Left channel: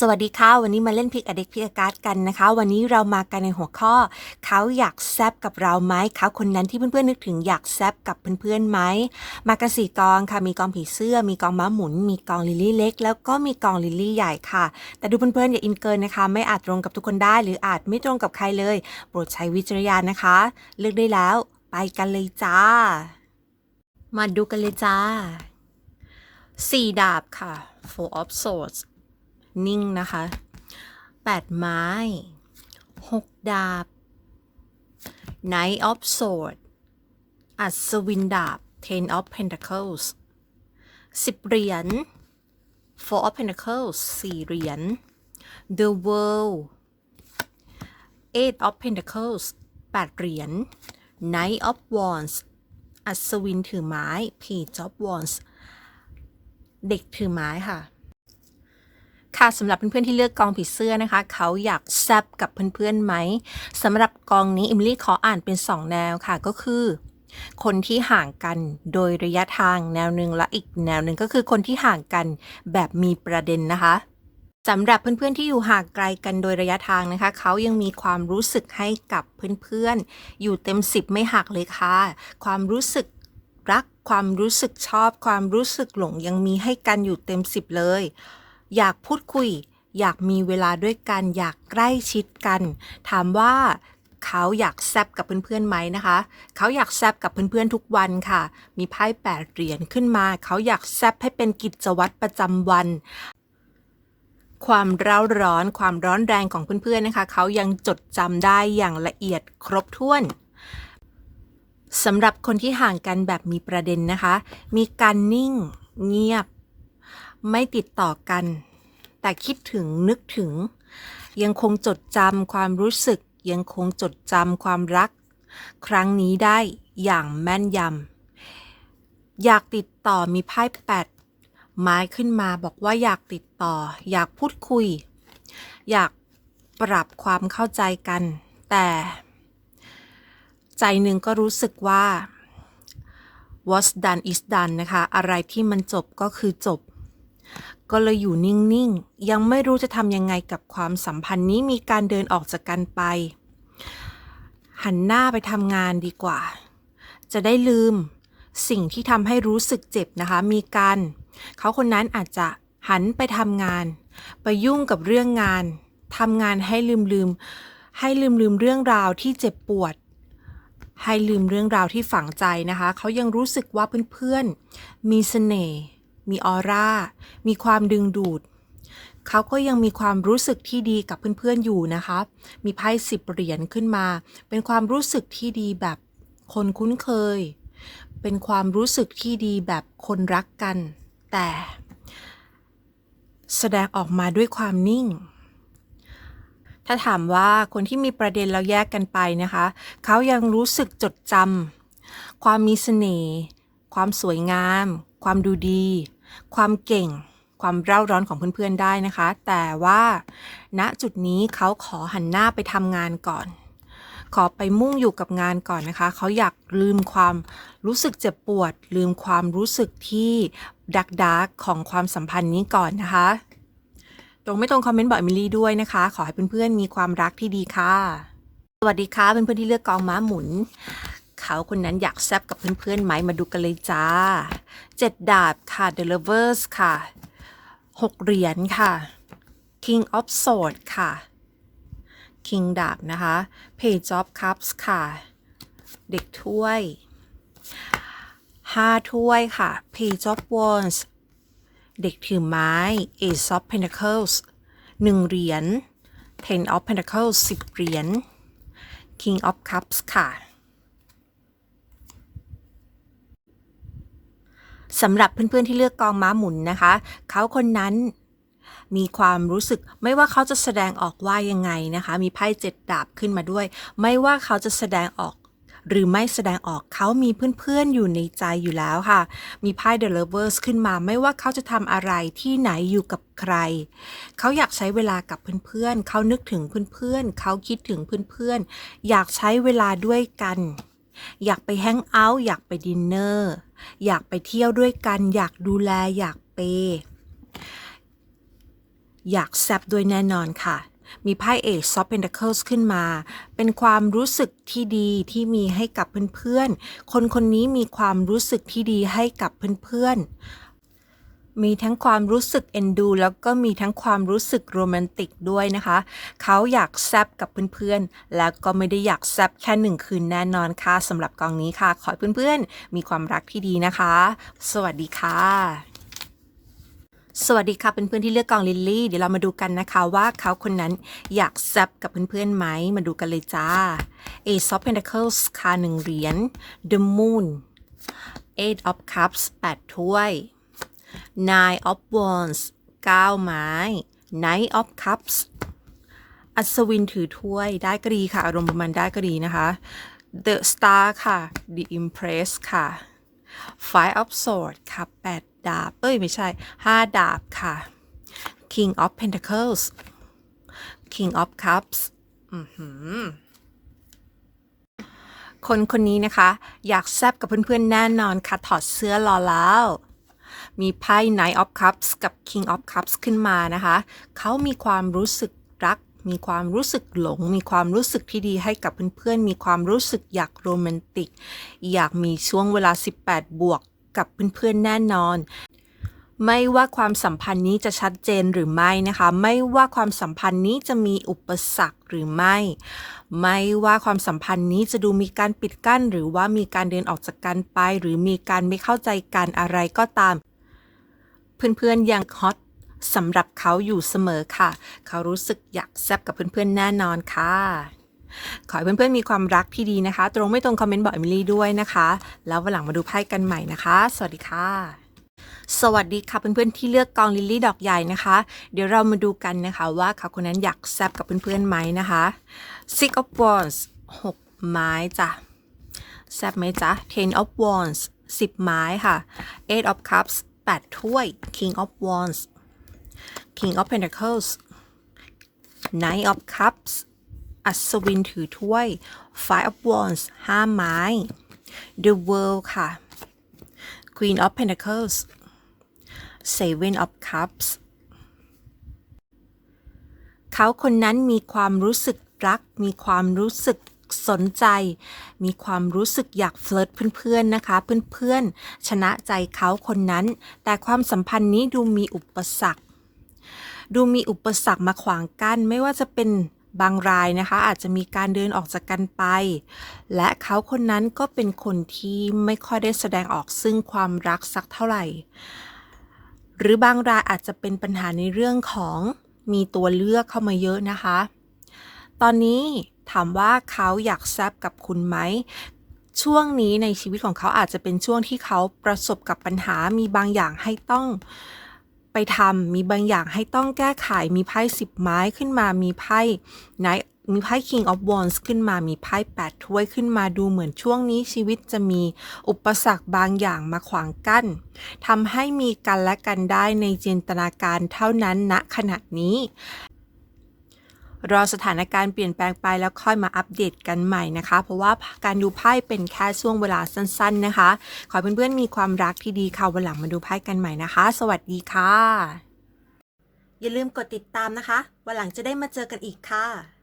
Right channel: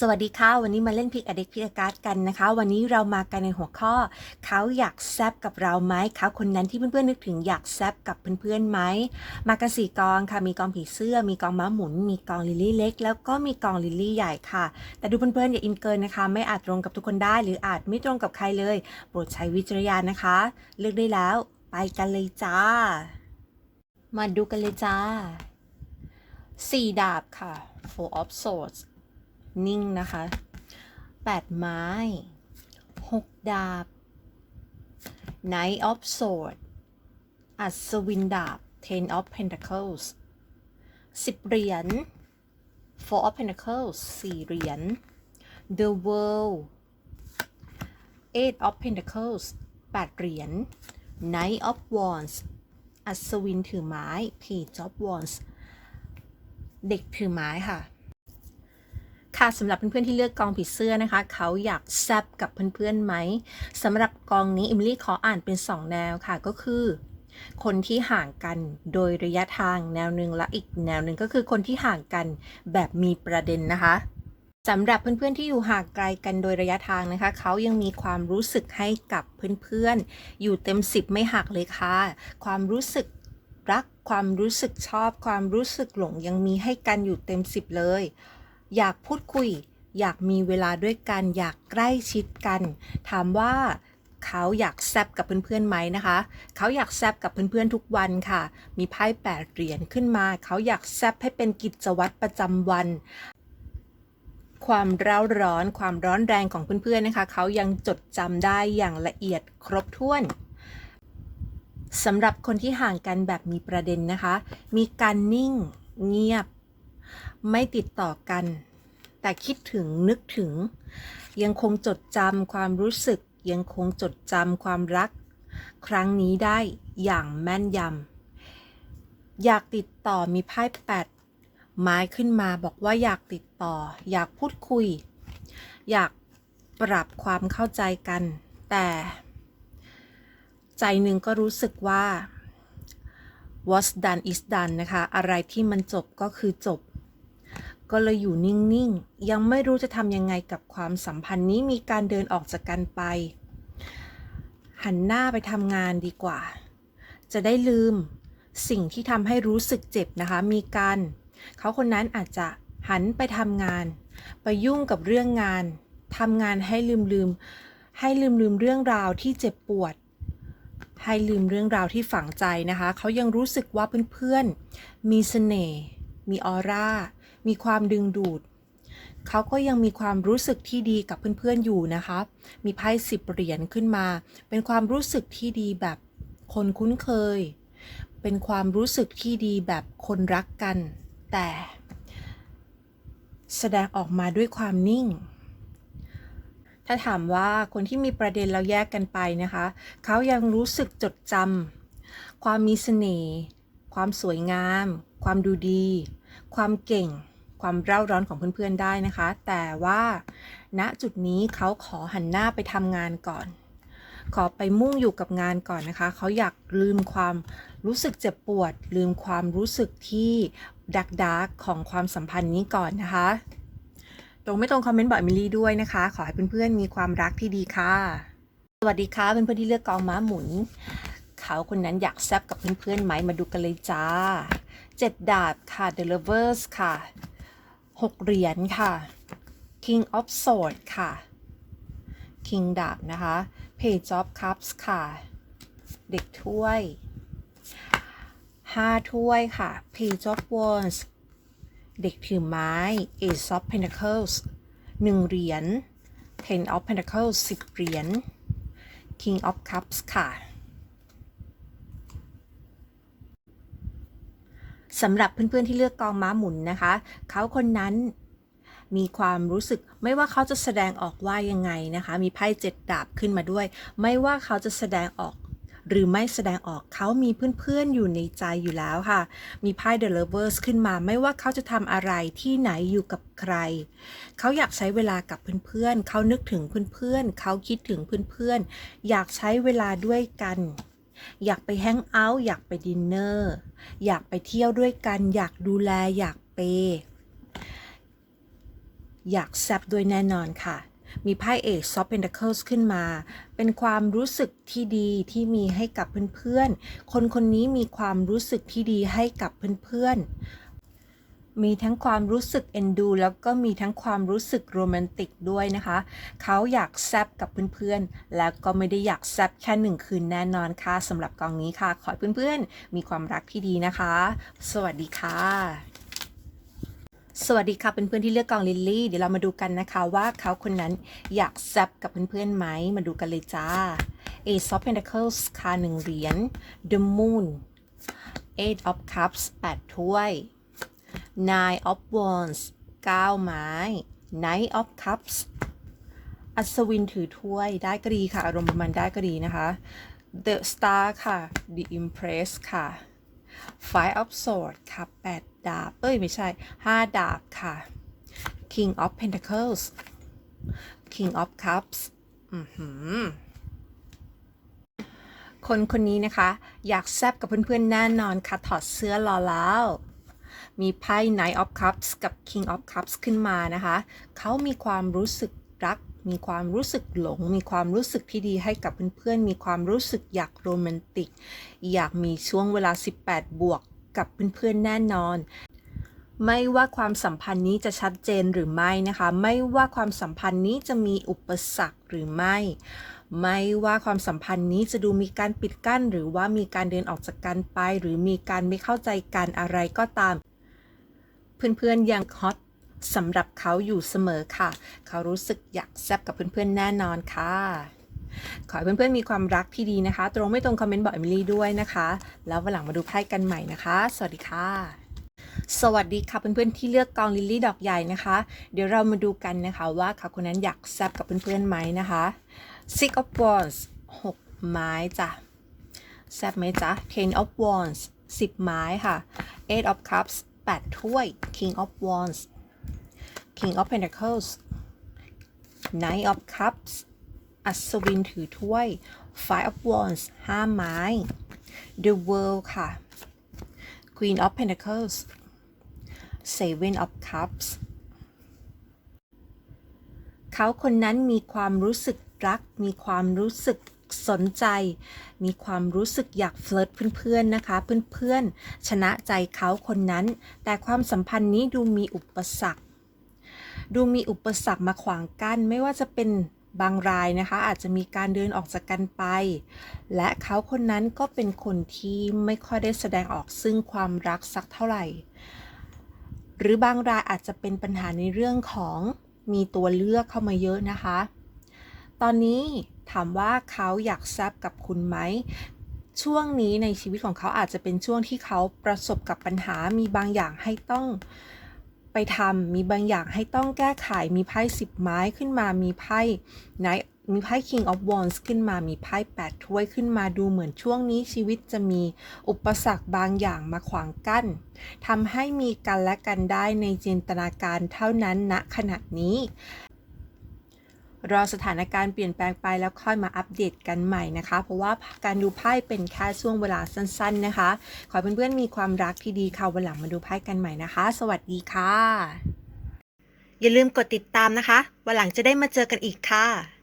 สวัสดีค่ะ วันนี้มาเล่นพิกอเด็กพิกการ์ดกันนะคะ วันนี้เรามากันในหัวข้อ เขาอยากแซบกับเราไหมเขาคนนั้นที่เพื่อนๆนึกถึงอยากแซบกับเพื่อนๆไหมมากันสี่กองค่ะมีกองผีเสื้อ มีกองม้าหมุน มีกองลิลลี่เล็ก แล้วก็มีกองลิลลี่ใหญ่ค่ะ แต่ดูเพื่อนๆอย่าอินเกินนะคะ ไม่อาจตรงกับทุกคนได้ หรืออาจไม่ตรงกับใครเลย โปรดใช้วิจารณญาณนะคะ เลือกได้แล้ว ไปกันเลยจ้า มาดูกันเลยจ้าสี่ดาบค่ะ four of swords นิ่งนะคะแปดไม้หกดาบ Knight of Swords อัศวินดาบ Ten of Pentacles สิบเหรียญ Four of Pentacles สี่เหรียญ The World Eight of Pentacles แปดเหรียญ Knight of Wands อัศวินถือไม้ Page of Wands เด็กถือไม้ค่ะ ค่ะสำหรับเพื่อนๆที่เลือกกองผีเสื้อนะคะ เขาอยากแซบกับเพื่อนๆไหมสำหรับกองนี้อิมลี่ขออ่านเป็น 2 แนวค่ะก็คือ คนที่ห่างกันโดยระยะทางแนวหนึ่งและอีกแนวหนึ่งก็คือคนที่ห่างกันแบบมีประเด็นนะคะสำหรับเพื่อนๆที่อยู่ห่างไกลกันโดยระยะทางนะคะ เขายังมีความรู้สึกให้กับเพื่อนๆ อยู่เต็มสิบไม่หักเลยค่ะ ความรู้สึกรัก ความรู้สึกชอบ ความรู้สึกหลงยังมีให้กันอยู่เต็มสิบเลย อยากพูดคุย อยากมีเวลาด้วยกัน อยากใกล้ชิดกัน ถามว่าเขาอยากแซบกับเพื่อนๆไหมนะคะ เขาอยากแซบกับเพื่อนๆทุกวันค่ะ มีไพ่แปดเหรียญขึ้นมา เขาอยากแซบให้เป็นกิจวัตรประจำวันความร้าร้อนความร้อนแรงของเพื่อนๆนะคะ เขายังจดจำได้อย่างละเอียดครบถ้วนสำหรับคนที่ห่างกันแบบมีประเด็นนะคะ มีการนิ่ง เงียบ ไม่ติดต่อกัน แต่คิดถึงนึกถึง ยังคงจดจำความรู้สึก ยังคงจดจำความรัก ครั้งนี้ได้อย่างแม่นยำอยากติดต่อมีไพ่แปดไม้ขึ้นมาบอกว่าอยากติดต่อ อยากพูดคุย อยากปรับความเข้าใจกัน แต่ใจหนึ่งก็รู้สึกว่า what's done is done นะคะ อะไรที่มันจบก็คือจบ ก็เลยอยู่นิ่งๆ ยังไม่รู้จะทำยังไงกับความสัมพันธ์นี้มีการเดินออกจากกันไป หันหน้าไปทำงานดีกว่า จะได้ลืมสิ่งที่ทำให้รู้สึกเจ็บนะคะ มีการเขาคนนั้นอาจจะหันไปทำงาน ไปยุ่งกับเรื่องงานทำงานให้ลืมลืมให้ลืมลืมเรื่องราวที่เจ็บปวด ให้ลืมเรื่องราวที่ฝังใจนะคะ เขายังรู้สึกว่าเพื่อนๆมีเสน่ห์ มีออร่า มีความดึงดูด เขาก็ยังมีความรู้สึกที่ดีกับเพื่อนๆอยู่นะคะ มีไพ่สิบเหรียญขึ้นมา เป็นความรู้สึกที่ดีแบบคนคุ้นเคย เป็นความรู้สึกที่ดีแบบคนรักกัน แต่แสดงออกมาด้วยความนิ่ง ถ้าถามว่าคนที่มีประเด็นแล้วแยกกันไปนะคะ เขายังรู้สึกจดจำความมีเสน่ห์ ความสวยงาม ความดูดี ความเก่ง ความเร่าร้อนของเพื่อนๆได้นะคะ แต่ว่าณจุดนี้เขาขอหันหน้าไปทำงานก่อน ขอไปมุ่งอยู่กับงานก่อนนะคะ เขาอยากลืมความรู้สึกเจ็บปวด ลืมความรู้สึกที่ดักดักของความสัมพันธ์นี้ก่อนนะคะ ตรงไม่ตรงคอมเมนต์บอกมิลี่ด้วยนะคะ ขอให้เพื่อนๆมีความรักที่ดีค่ะ สวัสดีค่ะเพื่อนๆที่เลือกกองม้าหมุน เขาคนนั้นอยากแซบกับเพื่อนๆไหมมาดูกันเลยจ้าเจ็ดดาบค่ะ The Lovers ค่ะหกเหรียญค่ะ King of Swords ค่ะ King ดาบนะคะ Page of Cups ค่ะ เด็กถ้วยห้าถ้วยค่ะ Page of Wands เด็กถือไม้ Ace of Pentacles หนึ่งเหรียญ Ten of Pentacles สิบเหรียญ King of Cups ค่ะ สำหรับเพื่อนๆที่เลือกกองม้าหมุนนะคะ เขาคนนั้นมีความรู้สึกไม่ว่าเขาจะแสดงออกว่ายังไงนะคะ มีไพ่เจ็ดดาบขึ้นมาด้วย ไม่ว่าเขาจะแสดงออกหรือไม่แสดงออกเขามีเพื่อนๆ อยู่ในใจอยู่แล้วค่ะ มีไพ่ The Lovers ขึ้นมา ไม่ว่าเขาจะทำอะไรที่ไหนอยู่กับใคร เขาอยากใช้เวลากับเพื่อนๆ เขานึกถึงเพื่อนๆ เขาคิดถึงเพื่อนๆ อยากใช้เวลาด้วยกัน อยากไปแฮงเอาท์ อยากไปดินเนอร์ อยากไปเที่ยวด้วยกัน อยากดูแล อยากเปย์อยากแซบด้วยแน่นอนค่ะ มีไพ่เอ e of Pentacles ขึ้นมา เป็นความรู้สึกที่ดีที่มีให้กับเพื่อนๆ คนคนนี้มีความรู้สึกที่ดีให้กับเพื่อนๆ มีทั้งความรู้สึกเอ็นดู แล้วก็มีทั้งความรู้สึกโรแมนติกด้วยนะคะ เขาอยากแซบกับเพื่อนๆ แล้วก็ไม่ได้อยากแซบแค่หนึ่งคืนแน่นอนค่ะสำหรับกองนี้ค่ะ ขอเพื่อนๆ มีความรักที่ดีนะคะ สวัสดีค่ะสวัสดีค่ะเพื่อนๆที่เลือกกองลิลลี่ เดี๋ยวเรามาดูกันนะคะว่าเขาคนนั้นอยากแซบกับเพื่อนๆไหมมาดูกันเลยจ้า Ace of Pentacles ค่ะหนึ่งเหรียญ The Moon Eight of Cups แปดถ้วย Nine of Wands เก้าไม้ Knight of Cups อัศวินถือถ้วยได้ก็ดีค่ะ อารมณ์ประมาณได้ก็ดีนะคะ The Star ค่ะ The Empress ค่ะ Five of Swords ค่ะแปดดาบ เอ้ย ไม่ใช่ห้าดาบค่ะ King of Pentacles King of Cups อือหือคนคนนี้นะคะ อยากแซบกับเพื่อนๆแน่นอนค่ะ ถอดเสื้อรอแล้ว มีไพ่ Knight of Cups กับ King of Cups ขึ้นมานะคะ เขามีความรู้สึกรัก มีความรู้สึกหลง มีความรู้สึกที่ดีให้กับเพื่อนๆ มีความรู้สึกอยากโรแมนติก อยากมีช่วงเวลา 18 บวกกับเพื่อนๆ แน่นอนไม่ว่าความสัมพันธ์นี้จะชัดเจนหรือไม่นะคะ ไม่ว่าความสัมพันธ์นี้จะมีอุปสรรคหรือไม่ ไม่ว่าความสัมพันธ์นี้จะดูมีการปิดกั้น หรือว่ามีการเดินออกจากกันไป หรือมีการไม่เข้าใจกันอะไรก็ตาม เพื่อนๆยังฮอตสำหรับเขาอยู่เสมอค่ะ เขารู้สึกอยากแซบกับเพื่อนๆแน่นอนค่ะ ขอให้เพื่อนๆมีความรักที่ดีนะคะ ตรงไม่ตรงคอมเมนต์บอกเอมิลี่ด้วยนะคะ แล้ววันหลังมาดูไพ่กันใหม่นะคะ สวัสดีค่ะ สวัสดีค่ะเพื่อนๆที่เลือกกองลิลลี่ดอกใหญ่นะคะ เดี๋ยวเรามาดูกันนะคะว่าเขาคนนั้นอยากแซบกับเพื่อนๆไหมนะคะ Six of Wands หกไม้จ้ะแซบไหมจ๊ะ Ten of Wands สิบไม้ค่ะ Eight of Cups แปดถ้วย King of Wands King of Pentacles Knight of Cups อัศวินถือถ้วย Five of Wands ห้าไม้ The World ค่ะ Queen of Pentacles Seven of Cups เขาคนนั้นมีความรู้สึกรัก มีความรู้สึก สนใจ มีความรู้สึกอยากเฟลิร์ตเพื่อนๆนะคะ เพื่อนๆ ชนะใจเขาคนนั้น แต่ความสัมพันธ์นี้ดูมีอุปสรรค ดูมีอุปสรรคมาขวางกั้นไม่ว่าจะเป็นบางรายนะคะ อาจจะมีการเดินออกจากกันไป และเขาคนนั้นก็เป็นคนที่ไม่ค่อยได้แสดงออกซึ่งความรักสักเท่าไหร่ หรือบางรายอาจจะเป็นปัญหาในเรื่องของมีตัวเลือกเข้ามาเยอะนะคะ ตอนนี้ถามว่าเขาอยากแซบกับคุณไหม ช่วงนี้ในชีวิตของเขาอาจจะเป็นช่วงที่เขาประสบกับปัญหา มีบางอย่างให้ต้องไปทำ มีบางอย่างให้ต้องแก้ไข มีไพ่สิบไม้ขึ้นมา มีไพ่ไหนมีไพ่ King of Wands ขึ้นมา มีไพ่แปดถ้วยขึ้นมาดูเหมือนช่วงนี้ชีวิตจะมีอุปสรรคบางอย่างมาขวางกั้นทำให้มีกันและกันได้ในจินตนาการเท่านั้นณขณะนี้ รอสถานการณ์เปลี่ยนแปลงไปแล้วค่อยมาอัปเดตกันใหม่นะคะ เพราะว่าการดูไพ่เป็นแค่ช่วงเวลาสั้น ๆนะคะ ขอเพื่อนๆมีความรักที่ดีค่ะวันหลังมาดูไพ่กันใหม่นะคะ สวัสดีค่ะ อย่าลืมกดติดตามนะคะ วันหลังจะได้มาเจอกันอีกค่ะ